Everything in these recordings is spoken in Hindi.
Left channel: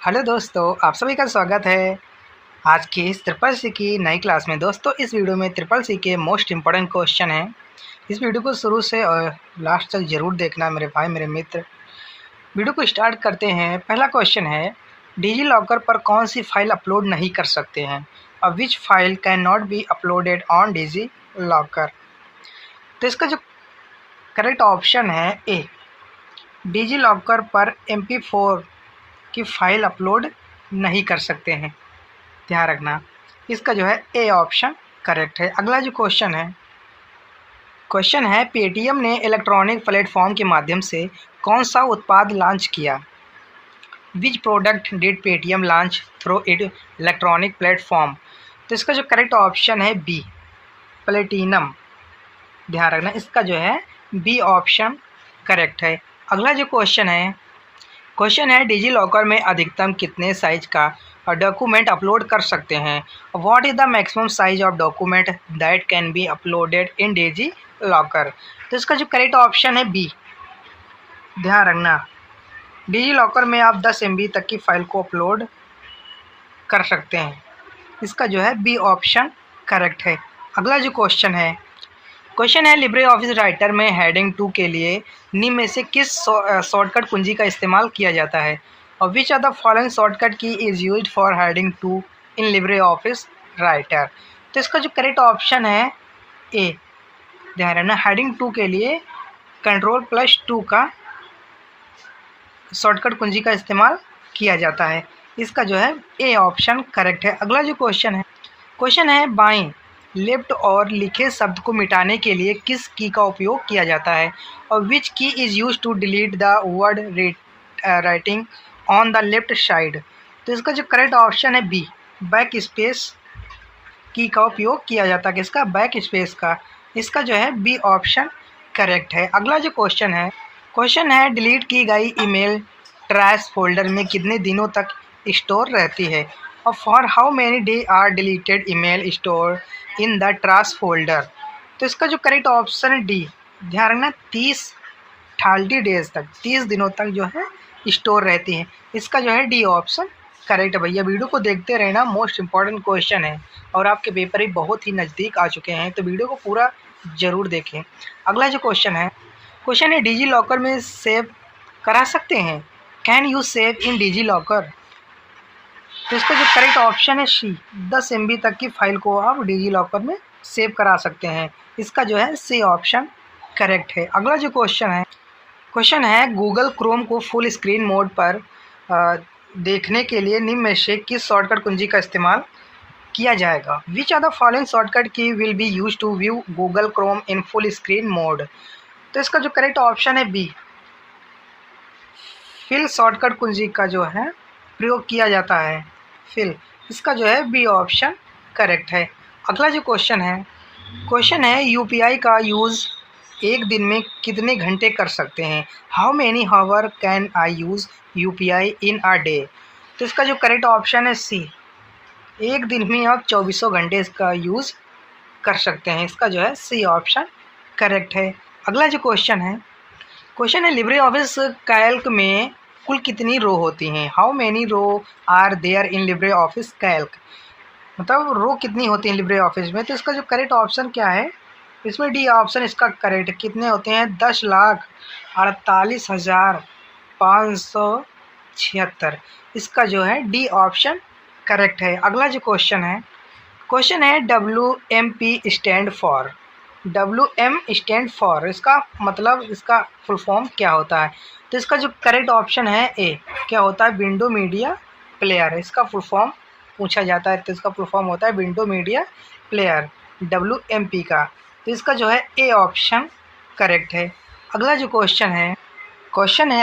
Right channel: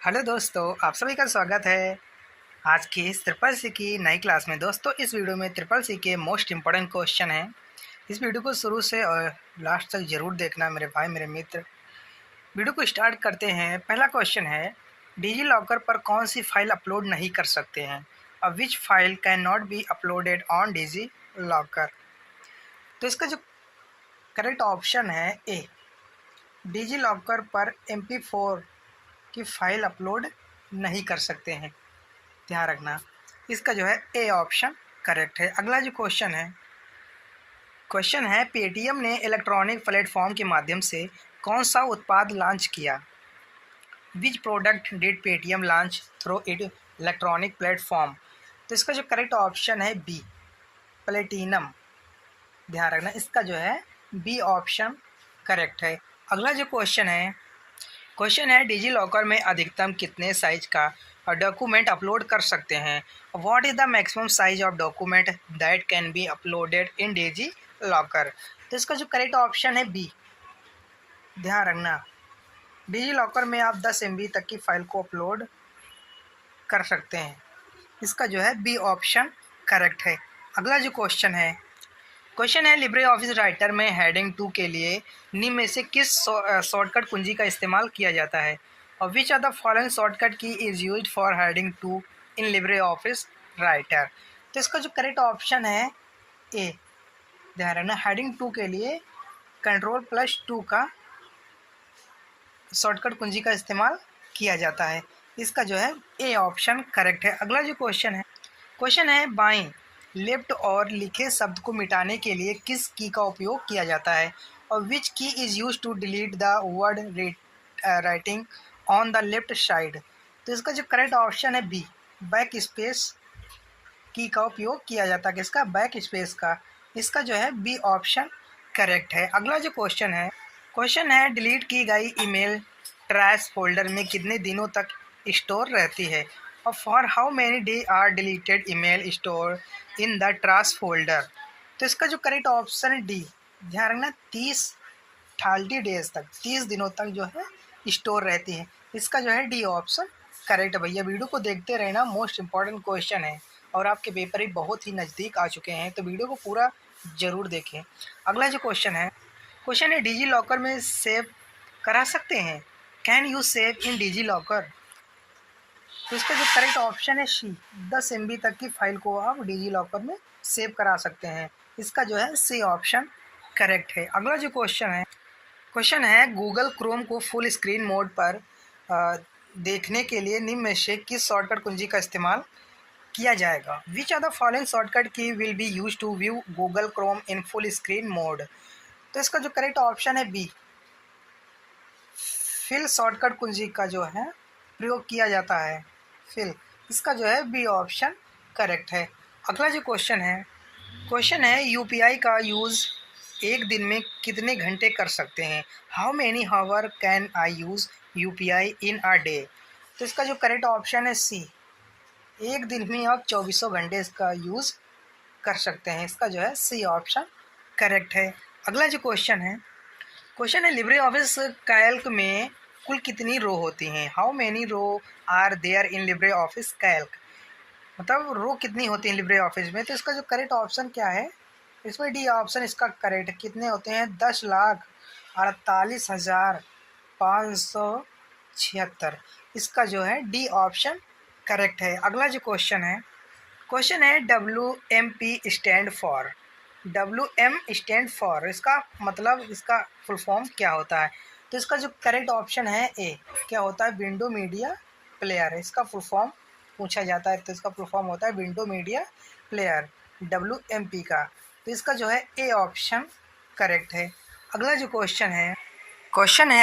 हेलो दोस्तों, आप सभी का स्वागत है आज की इस ट्रिपल सी की नई क्लास में। दोस्तों, इस वीडियो में ट्रिपल सी के मोस्ट इम्पोर्टेंट क्वेश्चन हैं। इस वीडियो को शुरू से और लास्ट तक ज़रूर देखना मेरे भाई मेरे मित्र। वीडियो को स्टार्ट करते हैं। पहला क्वेश्चन है, डिजी लॉकर पर कौन सी फाइल अपलोड नहीं कर सकते हैं और which file can not be uploaded on digi locker. तो इसका जो करेक्ट ऑप्शन है ए, डिजी लॉकर पर MP4 की फ़ाइल अपलोड नहीं कर सकते हैं। ध्यान रखना, इसका जो है ए ऑप्शन करेक्ट है। अगला जो क्वेश्चन है पेटीएम ने इलेक्ट्रॉनिक प्लेटफॉर्म के माध्यम से कौन सा उत्पाद लॉन्च किया। Which product did Paytm launch through it electronic platform. तो इसका जो करेक्ट ऑप्शन है बी, प्लेटिनम। ध्यान रखना, इसका जो है बी ऑप्शन करेक्ट है। अगला जो क्वेश्चन है डिजी लॉकर में अधिकतम कितने साइज का डॉक्यूमेंट अपलोड कर सकते हैं। What is the maximum size of document that can be uploaded in digi locker. तो इसका जो करेक्ट ऑप्शन है बी। ध्यान रखना, डिजी लॉकर में आप 10 MB तक की फ़ाइल को अपलोड कर सकते हैं। इसका जो है बी ऑप्शन करेक्ट है। अगला जो क्वेश्चन है लिब्रे ऑफिस राइटर में हेडिंग 2 के लिए निम्न में से किस शॉर्टकट कुंजी का इस्तेमाल किया जाता है और which are the following shortcut key is used for heading 2 in Libre office Writer. तो इसका जो करेक्ट ऑप्शन है ए। ध्यान रखना, हेडिंग 2 के लिए Ctrl+2 का शॉर्टकट कुंजी का इस्तेमाल किया जाता है। इसका जो है ए ऑप्शन करेक्ट है। अगला जो क्वेश्चन है बाएं लेफ्ट और लिखे शब्द को मिटाने के लिए किस की का उपयोग किया जाता है और which key is use to delete the word writing on the left side. तो इसका जो करेक्ट ऑप्शन है बी, बैक स्पेस की का उपयोग किया जाता है। किसका? बैक स्पेस का। इसका जो है बी ऑप्शन करेक्ट है। अगला जो क्वेश्चन है डिलीट की गई ईमेल ट्रैश फोल्डर में कितने दिनों तक स्टोर रहती है और for how many day are deleted email store in the trash folder. तो इसका जो करेक्ट ऑप्शन है डी। ध्यान रखना, 30 डेज तक, 30 दिनों तक जो है स्टोर रहती है। इसका जो है डी ऑप्शन करेक्ट है। भैया वीडियो को देखते रहना, मोस्ट इम्पॉर्टेंट क्वेश्चन है और आपके पेपर ही बहुत ही नज़दीक आ चुके हैं, तो वीडियो को पूरा ज़रूर देखें। अगला जो क्वेश्चन है डिजी लॉकर में सेव करा सकते हैं। Can you save in digi locker. तो इसका जो करेक्ट ऑप्शन है सी, 10 MB तक की फ़ाइल को आप डिजी लॉकर में सेव करा सकते हैं। इसका जो है सी ऑप्शन करेक्ट है। अगला जो क्वेश्चन है गूगल क्रोम को फुल स्क्रीन मोड पर देखने के लिए निम्न में से किस शॉर्टकट कुंजी का इस्तेमाल किया जाएगा। Which are the following shortcut key will be use to view Google Chrome in full screen mode. तो इसका जो करेक्ट ऑप्शन है बी, फिल शॉर्टकट कुंजी का जो है प्रयोग किया जाता है, फिल। इसका जो है बी ऑप्शन करेक्ट है। अगला जो क्वेश्चन है यूपीआई का यूज़ एक दिन में कितने घंटे कर सकते हैं। How many hour can I use UPI in a day. तो इसका जो करेक्ट ऑप्शन है सी, एक दिन में आप 24 घंटे इसका यूज़ कर सकते हैं। इसका जो है सी ऑप्शन करेक्ट है। अगला जो क्वेश्चन है लिब्रे ऑफिस कैल्क में कुल कितनी रो होती हैं। How many row are there in Libre office Calc. मतलब रो कितनी होती हैं लिब्रे ऑफिस में। तो इसका जो करेक्ट ऑप्शन क्या है, इसमें डी ऑप्शन इसका करेक्ट। कितने होते हैं? 10,48,576। इसका जो है डी ऑप्शन करेक्ट है। अगला जो क्वेश्चन है WMP स्टैंड फॉर इसका मतलब, इसका फुल फॉर्म क्या होता है। तो इसका जो करेक्ट ऑप्शन है ए, क्या होता है? Window media player. इसका फुल फॉर्म पूछा जाता है, तो इसका फुल फॉर्म होता है विंडो मीडिया प्लेयर, WMP का। तो इसका जो है ए ऑप्शन करेक्ट है। अगला जो क्वेश्चन है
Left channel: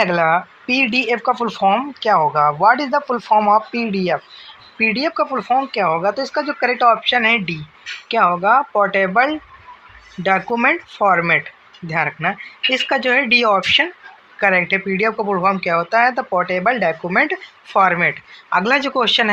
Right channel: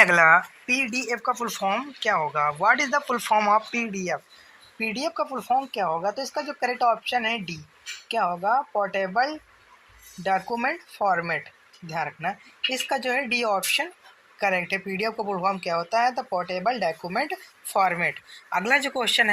अगला, PDF का फुल फॉर्म क्या होगा। What is the full form of PDF का फुल फॉर्म क्या होगा। तो इसका जो करेक्ट ऑप्शन है डी, क्या होगा? Portable document format. ध्यान रखना, इसका जो है डी ऑप्शन करेक्ट है। PDF का फुल फॉर्म क्या होता है? The portable document format. अगला जो क्वेश्चन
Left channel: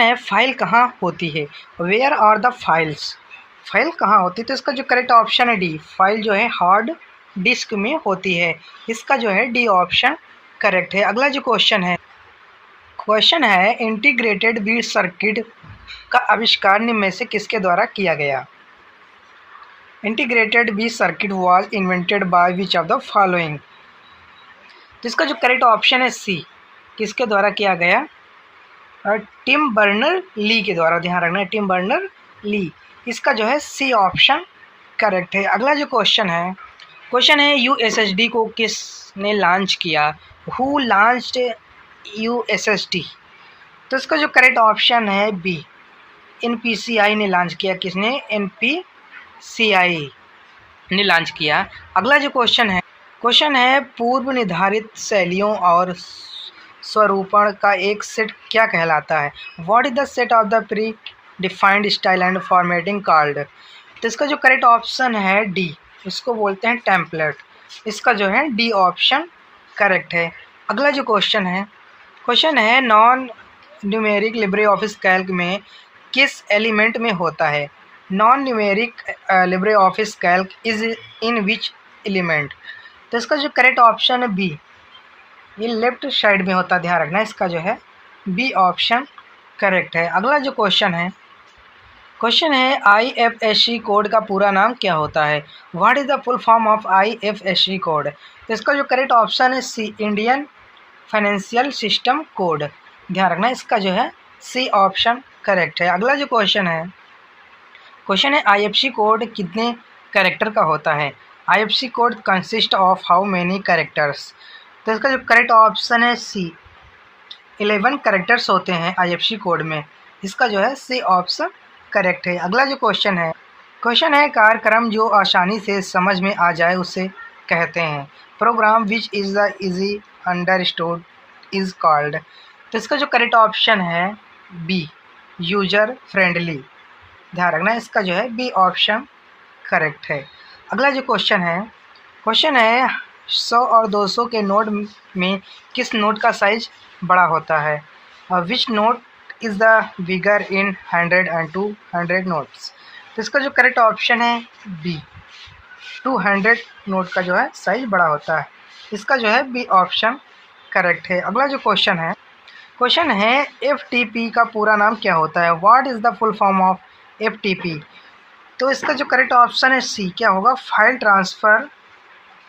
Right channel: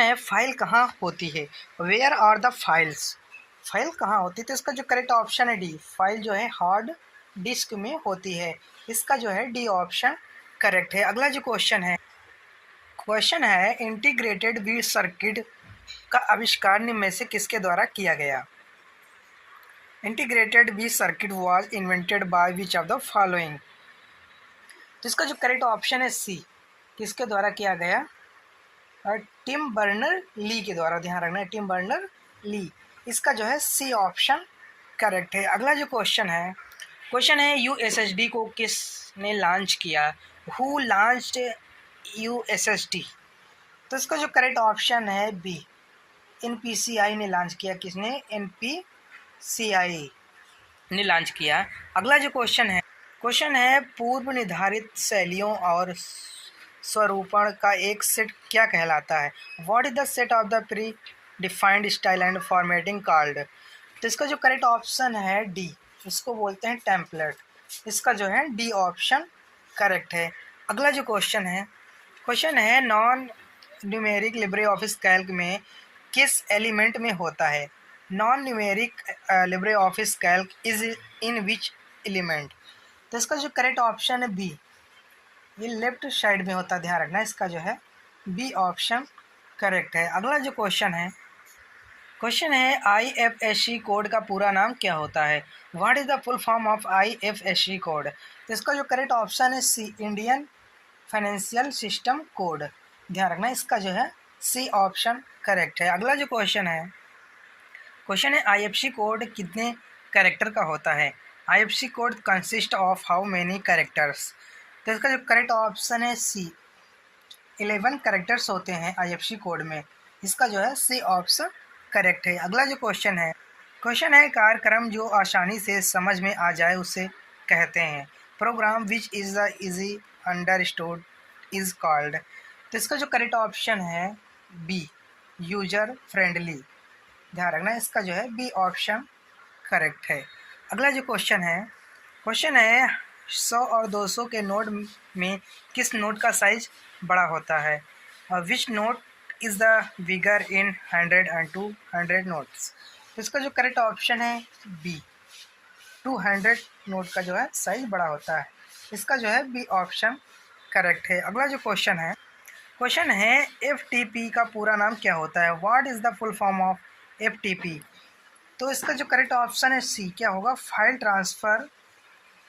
है फाइल कहाँ होती है। Where are the files. File कहाँ होती है। तो इसका जो करेक्ट ऑप्शन है डी, फाइल जो है हार्ड डिस्क में होती है। इसका जो है डी ऑप्शन करेक्ट है। अगला जो क्वेश्चन है इंटीग्रेटेड बीट सर्किट का आविष्कार निम्न में से किसके द्वारा किया गया? Integrated beat circuit was invented by which of the following? जिसका जो करेक्ट ऑप्शन है सी, किसके द्वारा किया गया? टिम बर्नर ली के द्वारा। ध्यान रखना है, टिम बर्नर ली। इसका जो है सी ऑप्शन करेक्ट है। अगला जो क्वेश्चन है यूएसएसडी को किसने लॉन्च किया? Who launched USSD? तो इसका जो करेक्ट ऑप्शन है बी, एनपीसीआई ने लॉन्च किया। किसने? एनपीसीआई ने लॉन्च किया। अगला जो क्वेश्चन है पूर्व निर्धारित शैलियों और स्वरूपण का एक सेट क्या कहलाता है? What is the set of the pre defined style and formatting called? तो इसका जो करेक्ट ऑप्शन है डी, इसको बोलते हैं टेम्पलेट। इसका जो है डी ऑप्शन करेक्ट है। अगला जो क्वेश्चन है non numeric Libre office Calc में किस एलिमेंट में होता है? Non numeric Libre office Calc is in which element? तो इसका जो करेक्ट ऑप्शन है बी, ये लेफ्ट साइड में होता है। ध्यान रखना, इसका जो है बी ऑप्शन करेक्ट है। अगला जो क्वेश्चन है IFSC कोड का पूरा नाम क्या होता है? What is the full form of IFSC code? तो इसका जो करेक्ट ऑप्शन है सी, इंडियन फाइनेंशियल सिस्टम कोड। ध्यान रखना, इसका जो है सी ऑप्शन करेक्ट है। अगला जो क्वेश्चन है IFSC कोड कितने कैरेक्टर का होता है? IFSC code consist of how many characters? तो इसका जो करेक्ट ऑप्शन है सी, 11 कैरेक्टर्स होते हैं IFSC कोड में। इसका जो है सी ऑप्शन करेक्ट है। अगला जो क्वेश्चन है कार्यक्रम जो आसानी से समझ में आ जाए उसे कहते हैं। Program which is the easy understood is called? तो इसका जो करेक्ट ऑप्शन है बी, यूजर फ्रेंडली। ध्यान रखना, इसका जो है बी ऑप्शन करेक्ट है। अगला जो क्वेश्चन है 100 और 200 के नोट में किस नोट का साइज बड़ा होता है? Which note is the bigger in 100 and 200 notes? तो इसका जो करेक्ट ऑप्शन है बी, 200 नोट का जो है साइज बड़ा होता है। इसका जो है बी ऑप्शन करेक्ट है। अगला जो क्वेश्चन है FTP का पूरा नाम क्या होता है? What is the full form of FTP? तो इसका जो करेक्ट ऑप्शन है सी, क्या होगा? File transfer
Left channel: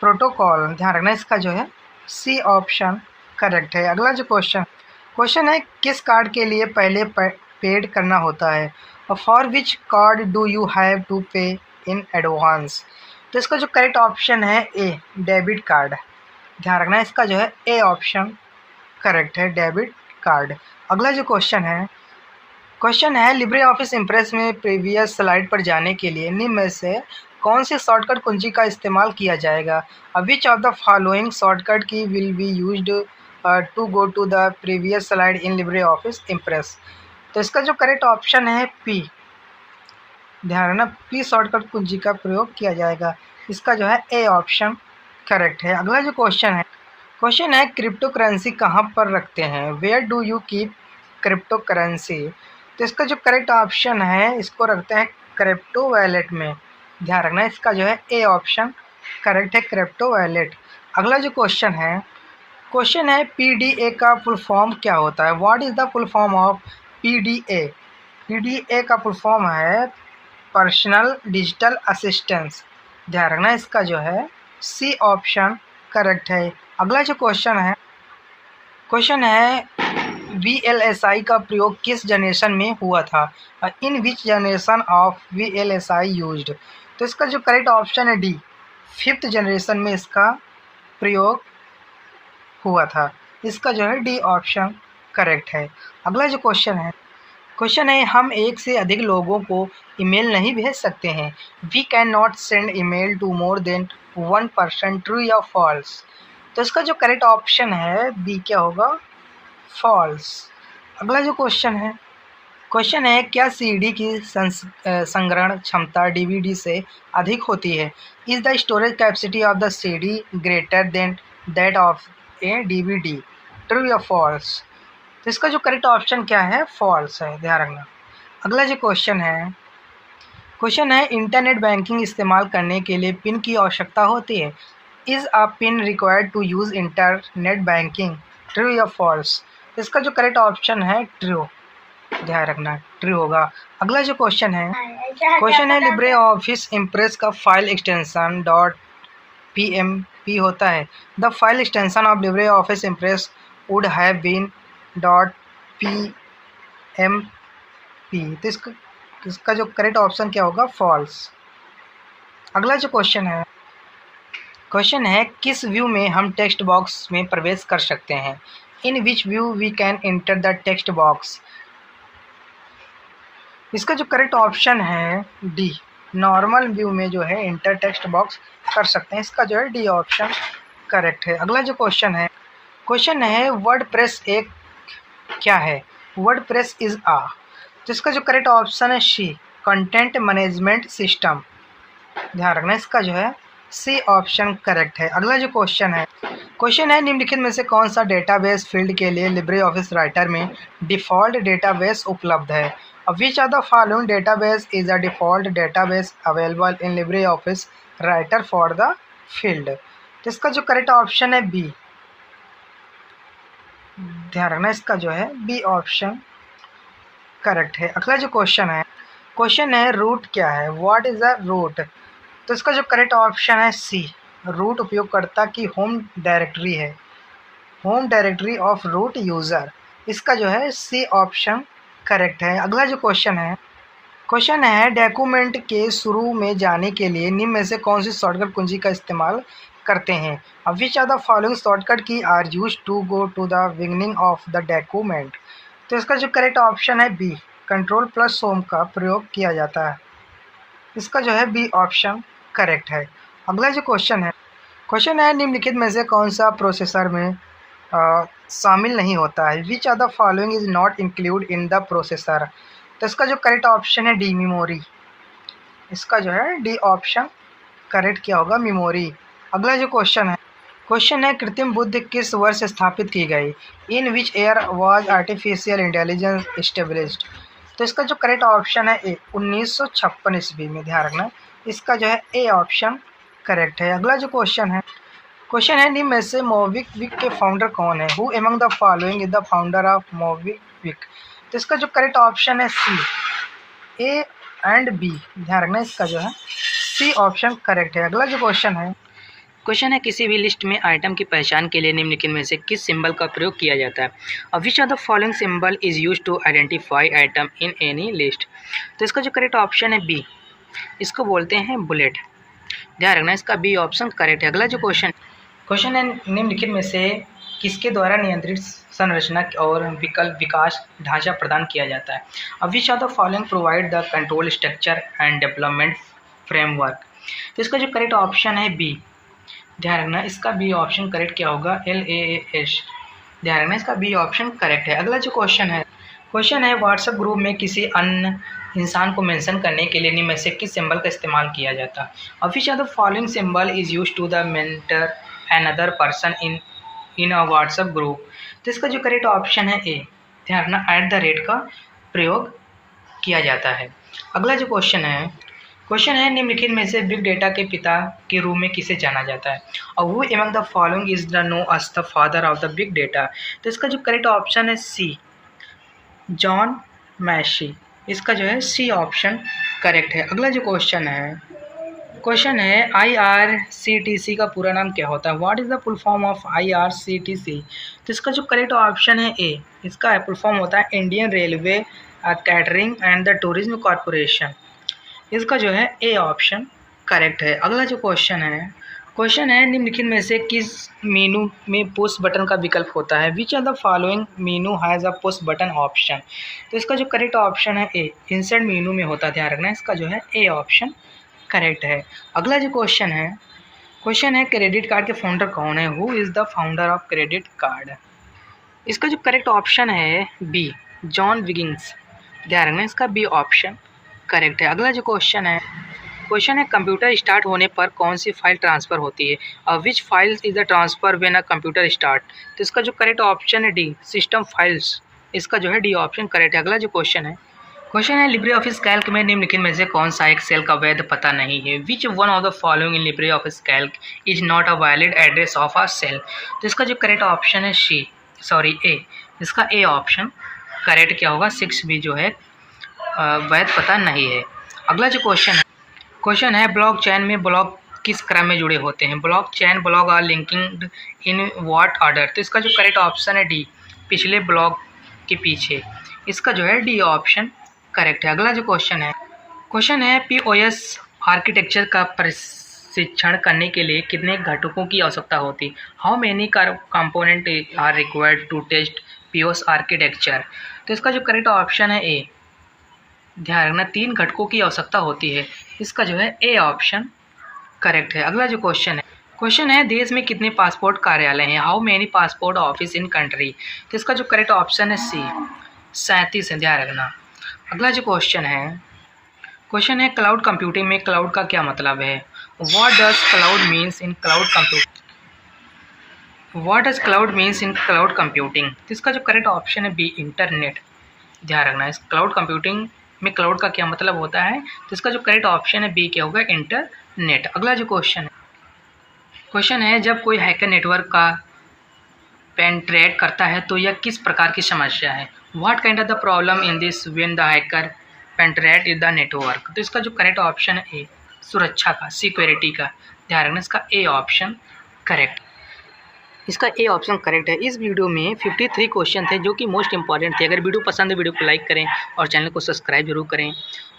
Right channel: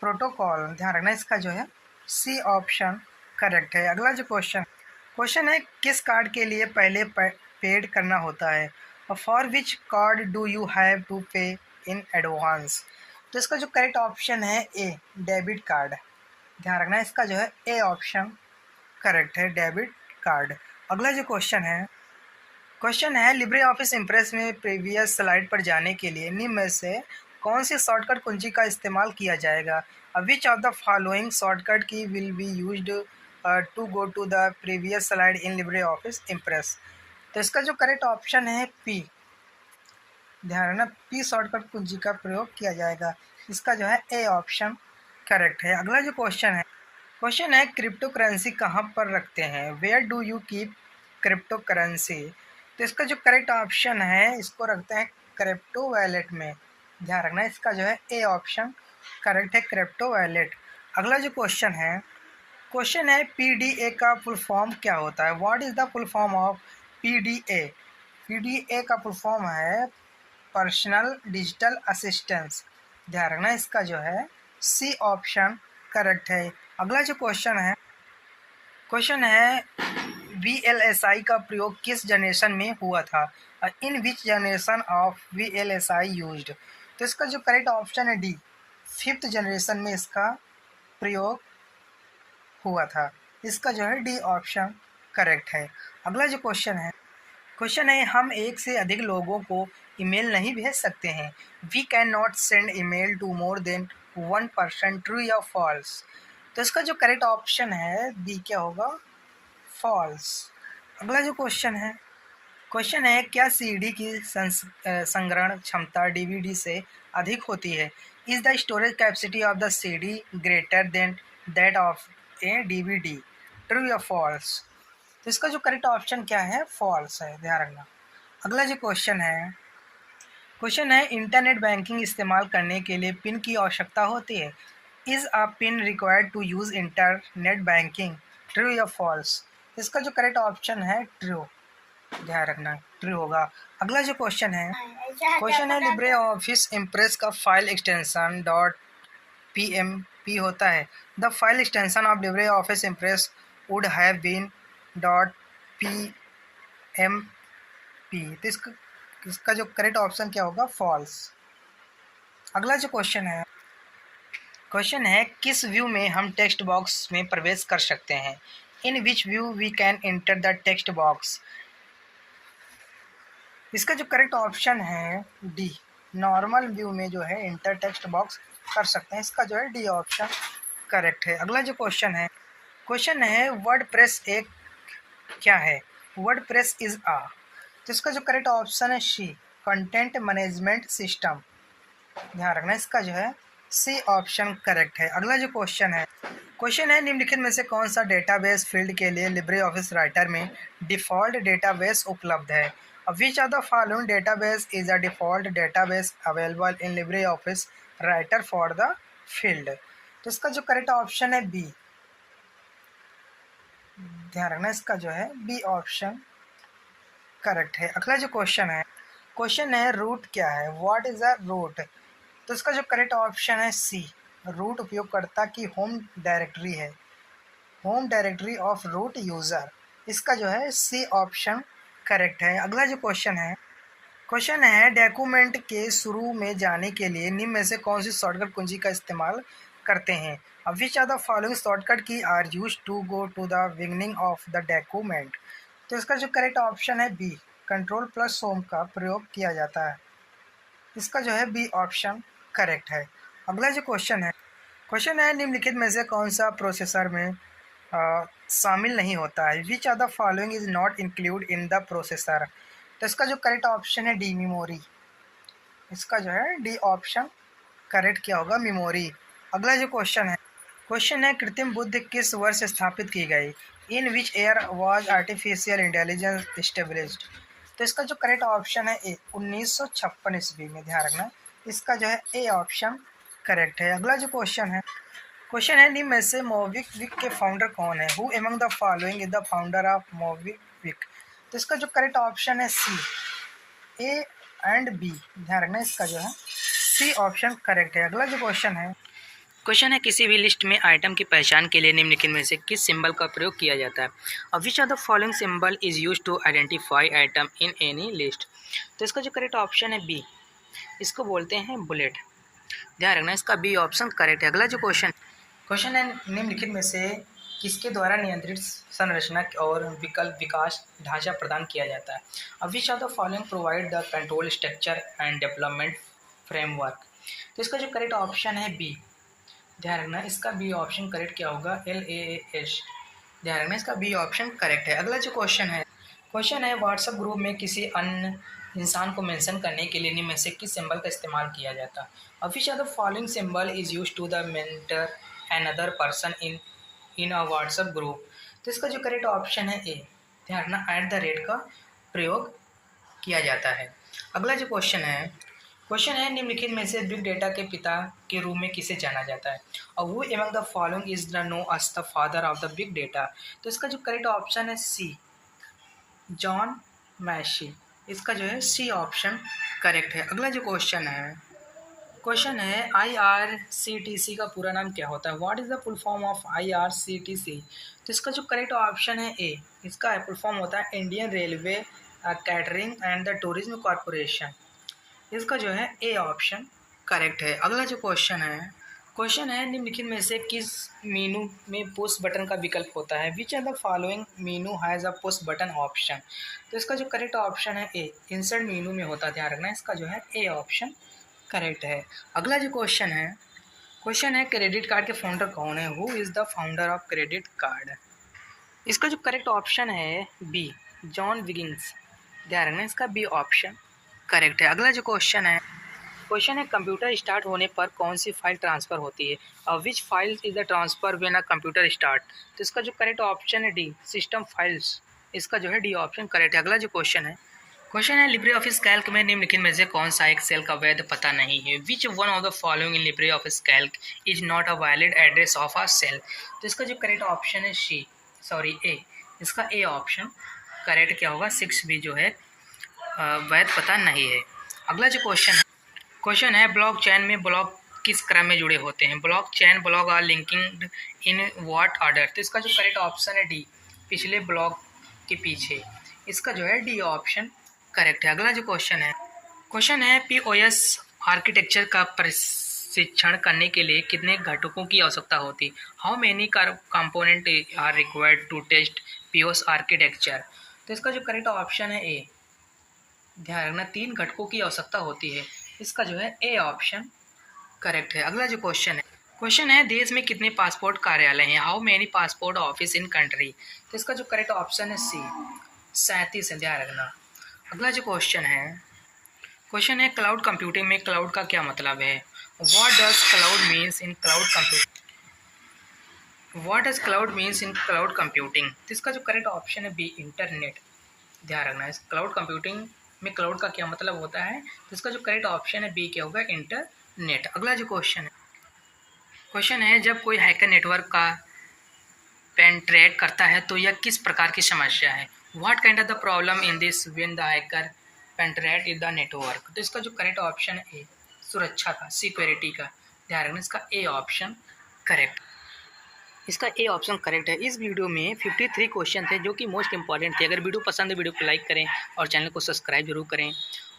protocol. ध्यान रखना, इसका जो है सी ऑप्शन करेक्ट है। अगला जो क्वेश्चन है किस कार्ड के लिए पहले पेड करना होता है? और for which card do you have to pay in advance? तो इसका जो करेक्ट ऑप्शन है ए, डेबिट कार्ड। ध्यान रखना, इसका जो है ए ऑप्शन करेक्ट है, डेबिट कार्ड। अगला जो क्वेश्चन है लिब्रे ऑफिस इम्प्रेस में प्रीवियस स्लाइड पर जाने के लिए निम्न में से कौन सी शॉर्टकट कुंजी का इस्तेमाल किया जाएगा? Which of the following shortcut key will be used to go to the previous slide in Libre office Impress? तो इसका जो करेक्ट ऑप्शन है पी। ध्यान रखना, पी शॉर्टकट कुंजी का प्रयोग किया जाएगा। इसका जो है ए ऑप्शन करेक्ट है। अगला जो क्वेश्चन है क्रिप्टो करेंसी कहाँ पर रखते हैं? Where do you keep cryptocurrency? तो इसका जो करेक्ट ऑप्शन है, इसको रखते हैं क्रिप्टो वैलेट में। ध्यान रखना, इसका जो है ए ऑप्शन करेक्ट है, क्रिप्टो वैलेट। अगला जो क्वेश्चन है PDA का फुल फॉर्म क्या होता है? What is the full form of PDA? PDA का फुल फॉर्म है पर्सनल डिजिटल असिस्टेंस। ध्यान रखना, इसका जो है सी ऑप्शन करेक्ट है। अगला जो क्वेश्चन है VLSI का प्रयोग किस जनरेशन में हुआ था? In which generation of VLSI used? तो इसका जो करेक्ट ऑप्शन है डी, 5th जनरेशन में इसका प्रयोग हुआ था। इसका जो है डी ऑप्शन करेक्ट है। अगला जो क्वेश्चन है हम एक से अधिक लोगों को ईमेल नहीं भेज सकते हैं। We can not send email to more than 1 person, true या फॉल्स? तो इसका जो करेक्ट ऑप्शन है बी, क्या होगा? फॉल्स। अगला जो क्वेश्चन है क्या CD की संग्रहण क्षमता DVD से अधिक होती है? Is the storage capacity of the CD greater than that of A DVD? True या फॉल्स? तो इसका जो करेक्ट ऑप्शन क्या है? फॉल्स है। ध्यान रखना। अगला जो क्वेश्चन है इंटरनेट बैंकिंग इस्तेमाल करने के लिए पिन की आवश्यकता होती है। Is a PIN required to use internet banking, true या फॉल्स? इसका जो करेक्ट ऑप्शन है ट्रू, ध्यान रखना ट्रू होगा। अगला जो क्वेश्चन है लिब्रे ऑफिस इम्प्रेस का फाइल एक्सटेंशन डॉट PMP होता है। The file extension of Libre office Impress would have been dot PMP। तो इसका जो करेक्ट ऑप्शन क्या होगा? फॉल्स। अगला जो क्वेश्चन है किस व्यू में हम टेक्स्ट बॉक्स में प्रवेश कर सकते हैं? In which view we can enter the text box? इसका जो करेक्ट ऑप्शन है डी, नॉर्मल व्यू में जो है इंटर टेक्स्ट बॉक्स कर सकते हैं। इसका जो है डी ऑप्शन करेक्ट है। अगला जो क्वेश्चन है वर्डप्रेस एक क्या है? वर्डप्रेस इज आ, तो इसका जो करेक्ट ऑप्शन है सी, कंटेंट मैनेजमेंट सिस्टम। ध्यान रखना, इसका जो है सी ऑप्शन करेक्ट है। अगला जो क्वेश्चन है निम्नलिखित में से कौन सा डेटाबेस फील्ड के लिए लिब्रे ऑफिस राइटर में डिफ़ॉल्ट डेटाबेस उपलब्ध है? Which are the following database is a default database available in Libre office Writer for the field? तो इसका जो करेक्ट ऑप्शन है बी, ध्यान रखना, इसका जो है बी ऑप्शन करेक्ट है। अगला जो क्वेश्चन है रूट क्या है? What is a root? तो इसका जो करेक्ट ऑप्शन है सी, रूट उपयोगकर्ता की होम डायरेक्टरी है, home directory of root user. इसका जो है सी ऑप्शन करेक्ट है। अगला जो क्वेश्चन है डॉक्यूमेंट के शुरू में जाने के लिए निम्न में से कौन सी शॉर्टकट कुंजी का इस्तेमाल करते हैं? Which are the following shortcut key are use to go to the beginning of the document? तो इसका जो करेक्ट ऑप्शन है बी, कंट्रोल प्लस होम का प्रयोग किया जाता है। इसका जो है बी ऑप्शन करेक्ट है। अगला जो क्वेश्चन है निम्नलिखित में से कौन सा प्रोसेसर में शामिल नहीं होता है? Which are the following is not include in the processor? तो इसका जो करेक्ट ऑप्शन है डी, मेमोरी। इसका जो है डी ऑप्शन करेक्ट क्या होगा? मेमोरी। अगला जो क्वेश्चन है कृत्रिम बुद्धि किस वर्ष स्थापित की गई? In which year was artificial intelligence established? तो इसका जो करेक्ट ऑप्शन है ए, 1956 ईस्वी में। ध्यान रखना, इसका जो है ए ऑप्शन करेक्ट है। अगला जो क्वेश्चन है निम्न में से मोबिक्विक के फाउंडर कौन है? Who among the following is the founder of MobiKwik? तो इसका जो करेक्ट ऑप्शन है सी, ए एंड बी। ध्यान रखना, इसका जो है सी ऑप्शन करेक्ट है। अगला जो क्वेश्चन है किसी भी लिस्ट में आइटम की पहचान के लिए निम्नलिखित में से किस सिंबल का प्रयोग किया जाता है? Which are the following symbol is use to identify item in any list? तो इसका जो करेक्ट ऑप्शन है बी, इसको बोलते हैं बुलेट। ध्यान रखना, इसका बी ऑप्शन करेक्ट है। अगला जो क्वेश्चन है निम्नलिखित में से किसके द्वारा नियंत्रित संरचना और विकास ढांचा प्रदान किया जाता है? Which are the following provide the control structure and development framework? तो इसका जो करेक्ट ऑप्शन है बी, ध्यान रखना, इसका बी ऑप्शन करेक्ट क्या होगा? LAAS। ध्यान रखना, इसका बी ऑप्शन करेक्ट है। अगला जो क्वेश्चन है व्हाट्सएप ग्रुप में किसी अन्य इंसान को मेंशन करने के लिए निम्न में से किस सिंबल का इस्तेमाल किया जाता है? Which are the following symbol is use to the mentor another person in a WhatsApp group? तो इसका जो करेक्ट ऑप्शन है ए, ध्यान रखना, @ का प्रयोग किया जाता है। अगला जो क्वेश्चन है निम्नलिखित में से बिग डेटा के पिता के रूप में किसे जाना जाता है? और who among the following is the know as the father of the big data? तो इसका जो करेक्ट ऑप्शन है सी, जॉन मैशी। इसका जो है सी ऑप्शन करेक्ट है। अगला जो क्वेश्चन है IRCTC का पूरा नाम क्या होता है? What is the full form of IRCTC? तो इसका जो करेक्ट ऑप्शन है ए, इसका फुल फॉर्म होता है Indian railway catering and the tourism corporation. इसका जो है ए ऑप्शन करेक्ट है। अगला जो क्वेश्चन है निम्नलिखित में से किस मेनू में पुश बटन का विकल्प होता है? Which are the following menu has a push button option? तो इसका जो करेक्ट ऑप्शन है ए, इंसर्ट मेनू में होता है। ध्यान रखना, इसका जो है ए ऑप्शन करेक्ट है। अगला जो क्वेश्चन है क्रेडिट कार्ड के फाउंडर कौन है? Who is the founder of credit card? इसका जो करेक्ट ऑप्शन है बी, जॉन विगिंस। ध्यान रखना, इसका बी ऑप्शन करेक्ट है। अगला जो क्वेश्चन है कंप्यूटर स्टार्ट होने पर कौन सी फाइल ट्रांसफ़र होती है? Which file is the transfer when a computer start? तो इसका जो करेक्ट ऑप्शन है डी, सिस्टम फाइल्स। इसका जो है डी ऑप्शन करेक्ट है। अगला जो क्वेश्चन है लिब्रे ऑफिस कैल्क में निम्नलिखित में से कौन सा एक सेल का वैध पता नहीं है। Which one of the following in Libre office Calc is not a valid address of a cell. तो इसका जो करेक्ट ऑप्शन है ए। इसका ए ऑप्शन करेक्ट क्या होगा, 6 भी जो है वैध पता नहीं है। अगला जो क्वेश्चन है ब्लॉक चेन में ब्लॉक किस क्रम में जुड़े होते हैं। Blockchain block are linking in what order. तो इसका जो करेक्ट ऑप्शन है डी, पिछले ब्लॉक के पीछे। इसका जो है डी ऑप्शन करेक्ट है। अगला जो क्वेश्चन है पीओएस आर्किटेक्चर का प्रशिक्षण करने के लिए कितने घटकों की आवश्यकता होती। How many component are required to test POS architecture. तो इसका जो करेक्ट ऑप्शन है ए, ध्यान रखना 3 घटकों की आवश्यकता होती है। इसका जो है ए ऑप्शन करेक्ट है। अगला जो क्वेश्चन है देश में कितने पासपोर्ट कार्यालय हैं। How many passport office in country. तो इसका जो करेक्ट ऑप्शन है सी, 37 है, ध्यान रखना। अगला जो क्वेश्चन है क्लाउड कंप्यूटिंग में क्लाउड का क्या मतलब है। What does cloud means in cloud computing. तो इसका जो करेक्ट ऑप्शन है बी, इंटरनेट। ध्यान रखना इस क्लाउड कंप्यूटिंग में क्लाउड का क्या मतलब होता है। तो इसका जो करेक्ट ऑप्शन है बी क्या होगा, इंटरनेट। अगला जो क्वेश्चन है जब कोई हैकर नेटवर्क का पेनिट्रेट करता है तो यह किस प्रकार की समस्या है। What kind of the problem in this when the hacker penetrate in the network. तो इसका जो करेक्ट ऑप्शन है ए, सुरक्षा का, सिक्योरिटी का। ध्यान रखना इसका ए ऑप्शन करेक्ट। इसका ए ऑप्शन करेक्ट है। इस वीडियो में 53 क्वेश्चन थे जो कि मोस्ट इंपॉर्टेंट थे। अगर वीडियो पसंद है वीडियो को लाइक करें और चैनल को सब्सक्राइब जरूर करें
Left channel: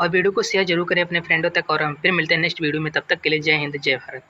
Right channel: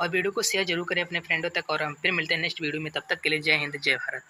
और वीडियो को शेयर जरूर करें अपने फ्रेंडों तक। और हम फिर मिलते हैं नेक्स्ट वीडियो में, तब तक के लिए जय हिंद जय भारत।